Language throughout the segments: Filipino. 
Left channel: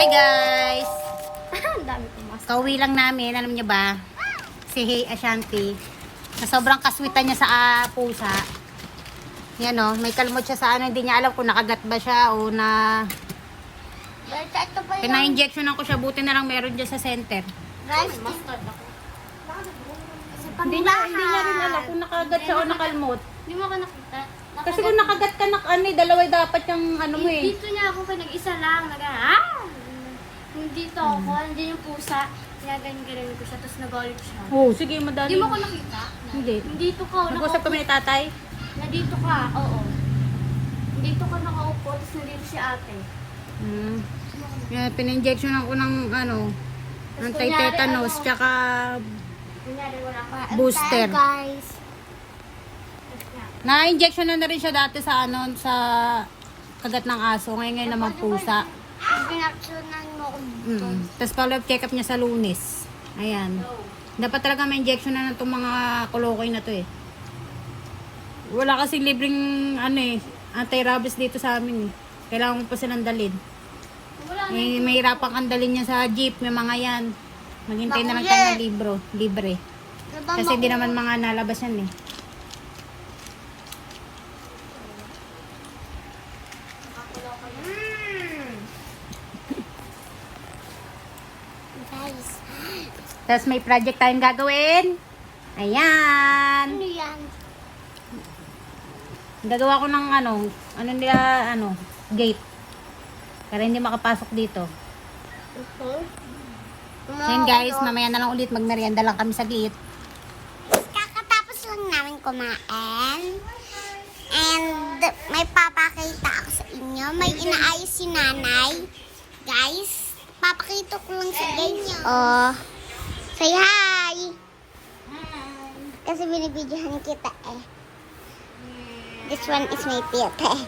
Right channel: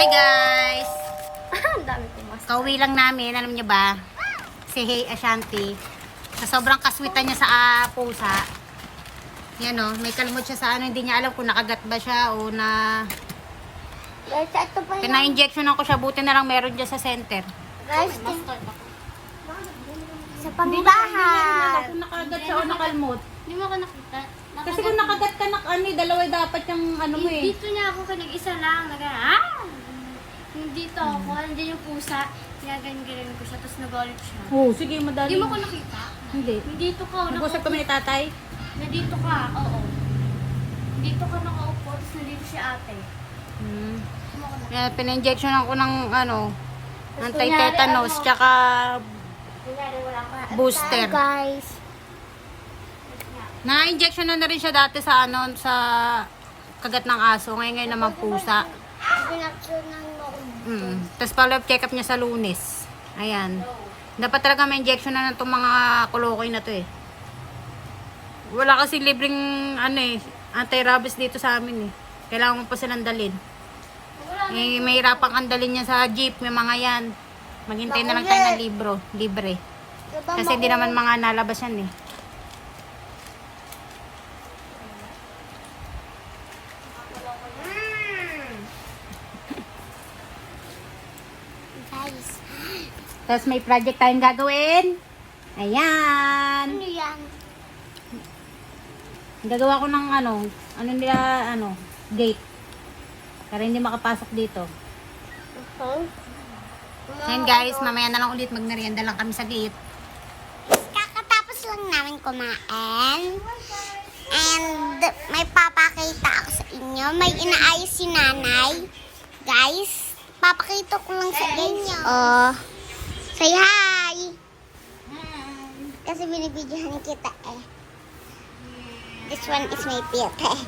Hi guys! Ang dami pumasok. Kauwi lang namin, alam niyo ba? Si Hey Ashanti. Sa sobrang kaswitan niya sa pusa. Yan o, may kalmot siya sa ano, hindi niya alam kung nakagat ba siya o na... Pina-injectionan ko siya, buti na lang meron dyan sa center. Guys, sa pamilyahan. Kung nakagat siya o nakalmot. Hindi mo ako nakita. Kasi kung nakagat ka, dalaway dapat yung ano eh. Dito niya ako nag-isa lang. Kung dito ako, nandiyan yung pusa. Kinaganyan ko siya, tapos nagalit siya. Oh, sige, madali. Hindi mo ko nakita? Hindi. Nandito ka, Nag-usap kami ni tatay? Nandito ka, oo. Nandito ka nakaupo, tapos nandito si ate. Yeah, pina-injection ako ng ano, anti-tetanus, tsaka booster. Guys. Na-injection na rin siya dati sa ano, sa kagat ng aso. Ngayon naman pusa. Pinaksyonan mo ko dito. Tapos follow-up check-up niya sa Lunes. Ayan. Dapat talaga may injection na itong mga kolokoy na to eh. Wala kasi libreng ano eh, anti-rabies dito sa amin eh. Kailangan mo pa silang dalhin. Eh, may hirapang kang dalhin niya sa jeep, may mga yan. Maghintay na lang tayo ng libre. Kasi hindi naman mga nalabas yan eh. Guys. Tapos may project tayong gagawin. Ayan. Ano yan? Gagawa ko ng gate. Para hindi makapasok dito. Ayan guys, mamaya na lang ulit magmerienda lang kami saglit. Kakatapos lang namin kumain. And may papakita ako sa inyo. May inaayos si nanay. Guys, papakita ko lang sa guys. Oh, say hi! Kasi binibidyohan kita eh. This one is my pet eh.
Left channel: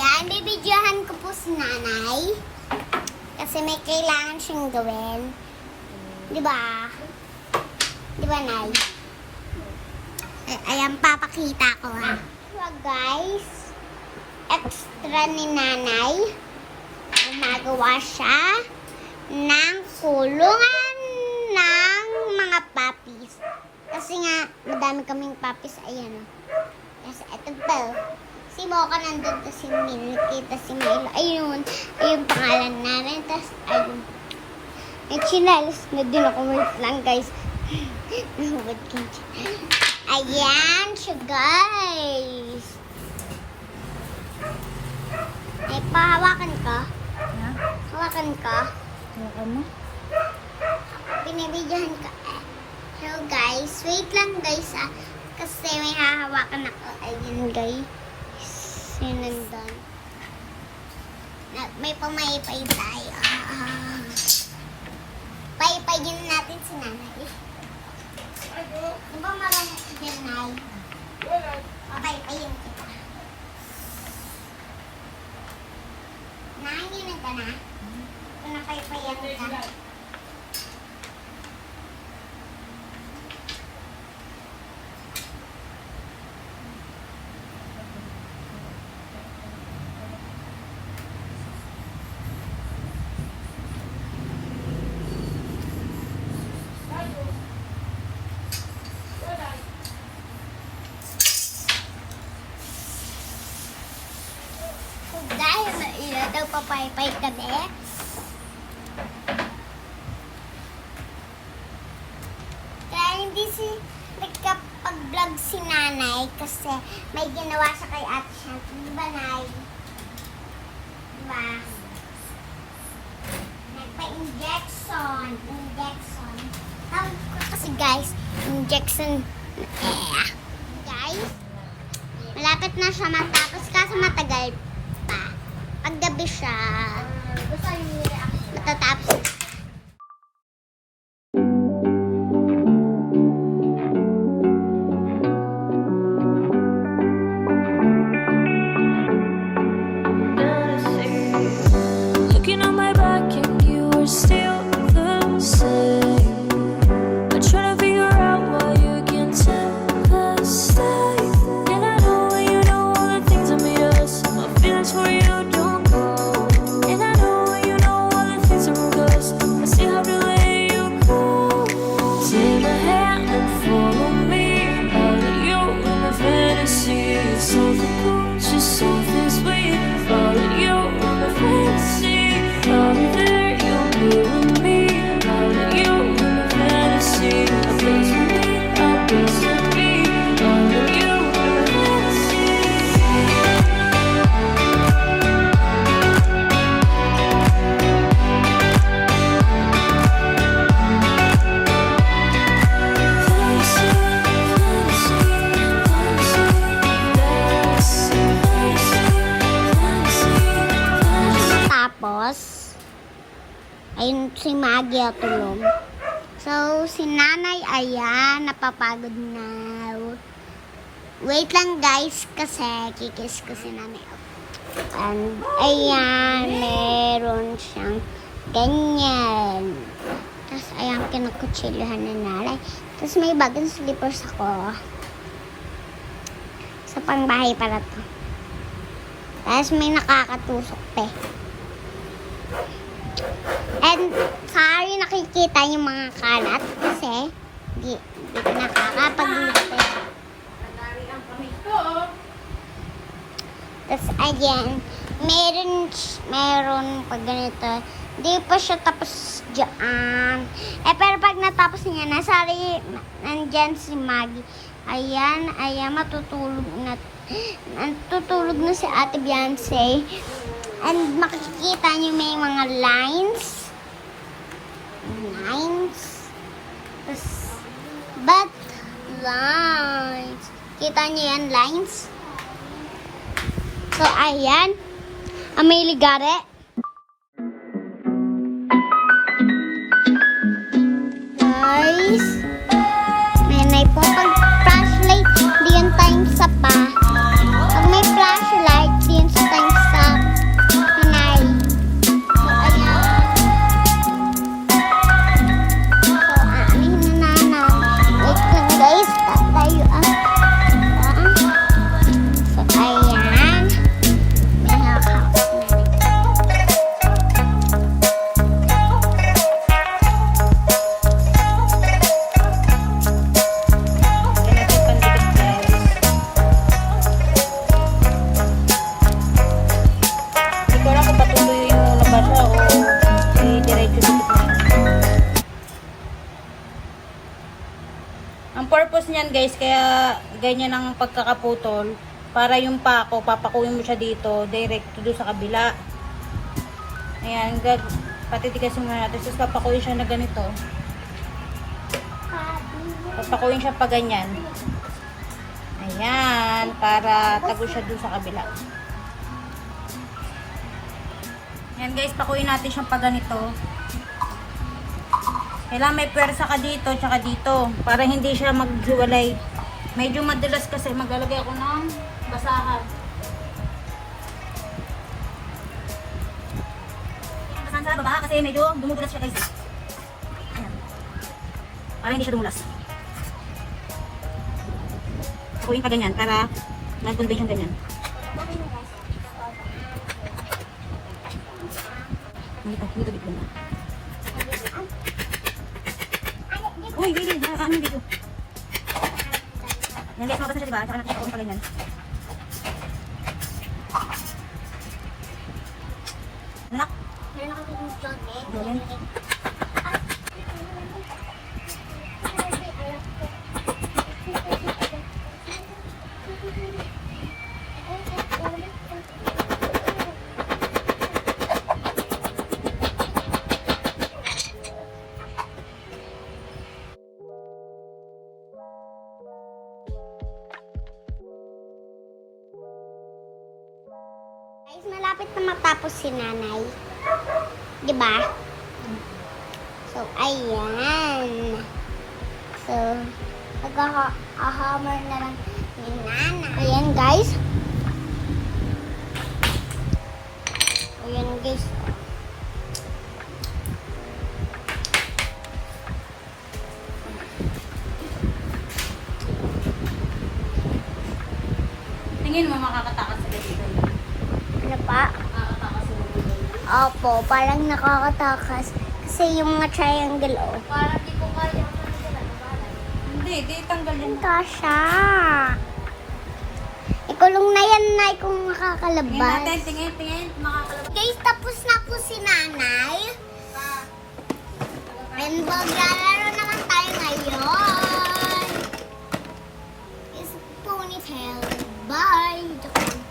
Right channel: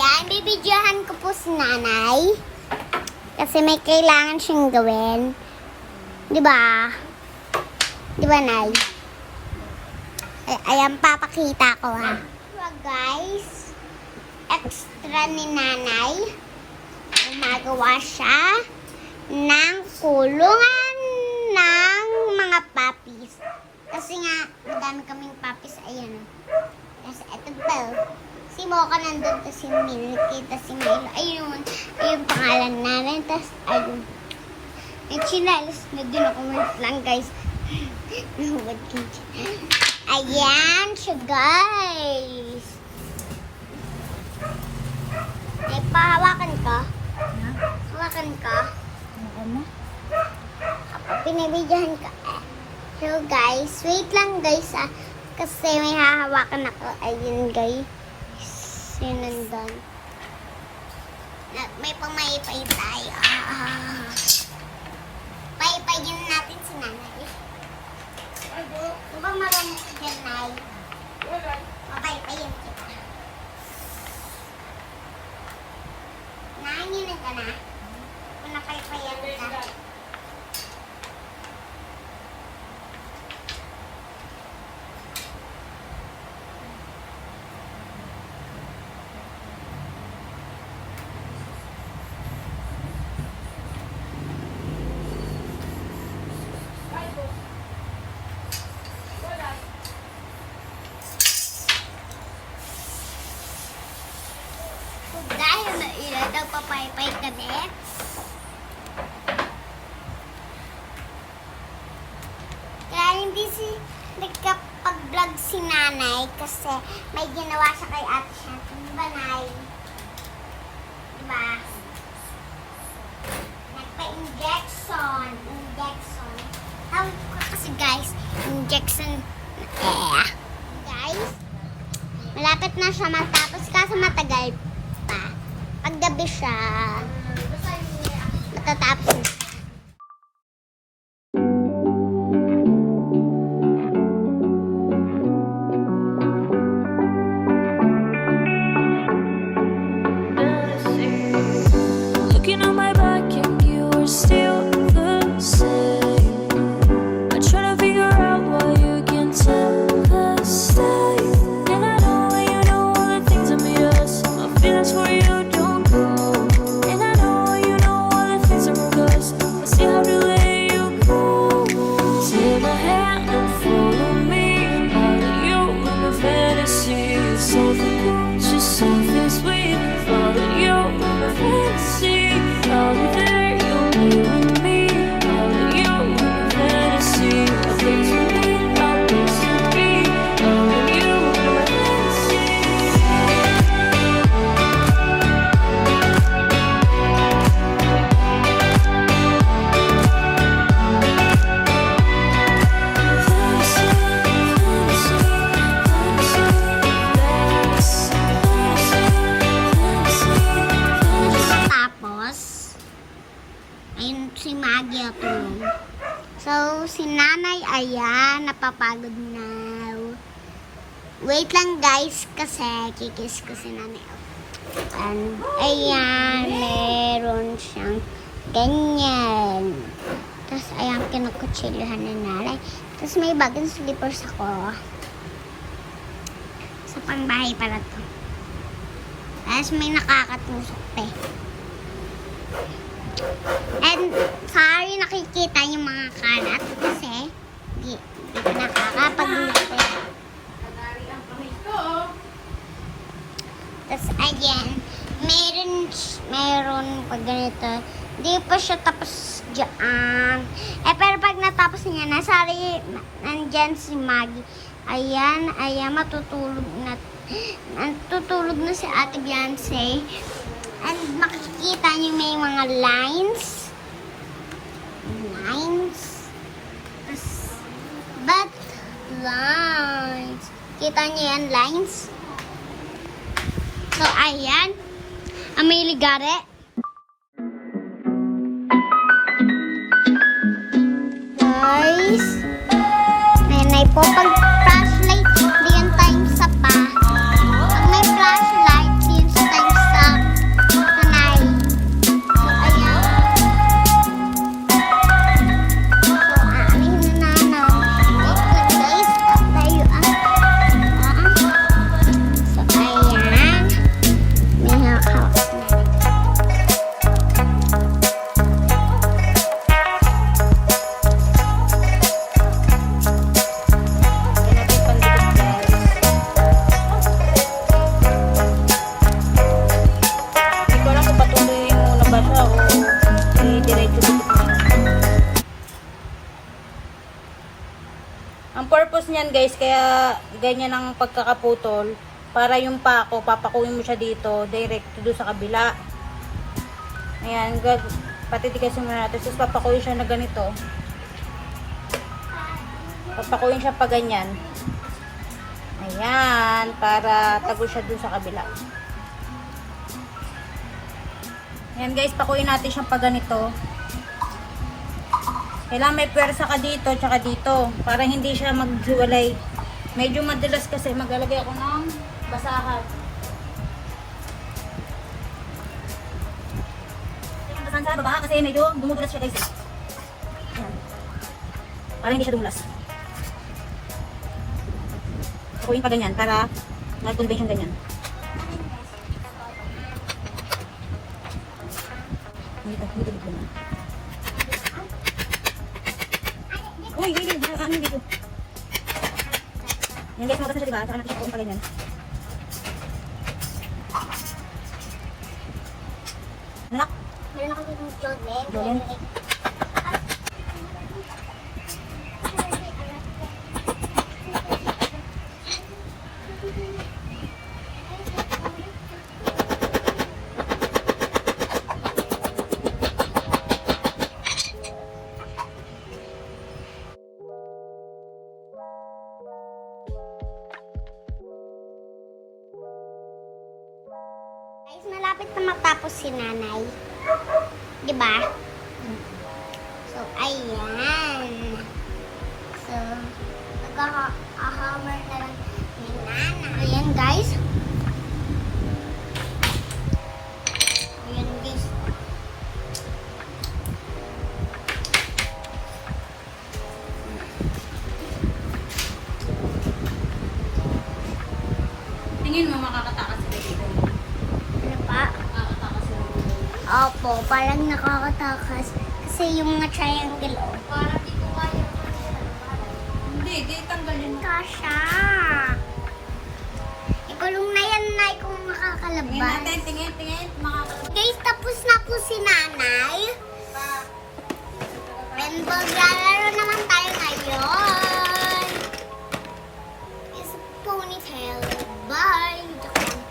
Ayan, bibidyohan ko po si nanay. Kasi may kailangan siyang gawin. Diba? Diba, Nay? Ayan, papakita ko ha. So, guys, extra ni nanay. Gumagawa siya ng kulungan ng mga puppies. Kasi nga, madami kaming puppies. Ayan. Kasi ito pa. Si Mocha nandun, tapos si Milky, tapos si Milo. Ayun. Ayun pangalan namin. Tapos, ayun. Nagsinalos na din ako. Wait lang, guys. Ayan siya, guys. Ay, pahawakan ka. Hawakan ka. Hawakan mo? Pinabidyahan ka. So, guys, wait lang, guys, ah. Kasi may hahawakan ako. Ayun, guys. Sinundan. May pamaypay tayo. Paypayin natin si nanay. Diba marami si nanay? Papaypayin kita. Nanginin ka na. Pinapaypayan ka. Dahil maila daw papaypay kami. Kaya hindi nagkapag-vlog si nanay kasi may ginawa siya kay ate siya. Diba, Nay? Diba? Nagpa-injection. Injection. Tawag ko kasi, guys, injection. Guys, malapit na siya matapos kasi matagal pa. Paggabi siya, matatapos na. Looking on my back and you are still the same. I try to figure out why you can tell the same. And I know when you know all the things that made us. My feelings for you don't go. And I know when you know all the things that broke us. I still have to let you go. Take my hand and follow me. Out of you in my fantasy. Something good, just something sweet. Follow you in my fantasy. I'll be there, you'll be with me. Out of you in my fantasy. A place for me, a place to be. Out of you in my fantasy. Tapos, ayun si Maggie at tulog. So, si nanay, ayan, napapagod na. Wait lang, guys, kasi kikis ko si nanay. And, ayan, meron siyang ganyan. Tapos, ayan, kinukutsilahan na nanay. Tapos, may bagong slippers ako. Sa pangbahay pala to. Tapos, may nakakatusok pa eh. And, sorry nakikita yung mga kalat kasi di ko nakakapag-lipit. Tapos, ayan, meron pag ganito. Di pa siya tapos dyan. Pero pag natapos niya na, sorry, nandyan si Maggie. Ayan, matutulog na. Natutulog na si Ate Beyonce. And makikita niyo may mga lines. But, lines. Kita niyo yan, lines? So, ayan. May ligare. Guys, nanay po, pag flashlight, diyan tayong sa pa. Pag may flashlight, diyan sa tayong sa yan guys, kaya ganyan ang pagkakaputol. Para yung pako, papakuin mo siya dito, direct doon sa kabila. Ayan, patitigasin mo natin. Tapos papakuin siya na ganito. Papakuin siya pa ganyan. Ayan, para tago siya doon sa kabila. Ayan guys, pakuin natin siyang pa ganito. Kailangan may pwersa ka dito, tsaka dito. Para hindi siya maghiwalay. Medyo madalas kasi maglalagay ako ng basahan. Basahan sa baba kasi medyo dumudulas siya guys. Ayan. Para hindi siya dumulas. Pakuin pa ganyan para mag-convey siyang ganyan. Dito na. Uy, ano dito? Yan guys, mabasa siya diba? Saka natin siya pakuin pa ganyan. Anak? Meron ako dito ng Jolen. Guys, malapit na matapos si nanay. Diba? So, ayan. So, nag-hammer na lang si nanay. Ayan, guys. Ayan, guys. Tingin mo makakatakas sa dito. Ano pa? Makakatakas sa dito. Opo, parang nakakatakas. Kasi yung mga triangle, oh. Parang dito kaya. Hindi, di tanggal yan. Ito siya. Ikulong na yan, Nay, kung makakalabas. Tingin natin, tingin. Makakalabas. Guys, tapos na po si nanay. And maglalaro naman tayo ngayon. Is ponytail. Bye! Joke lang.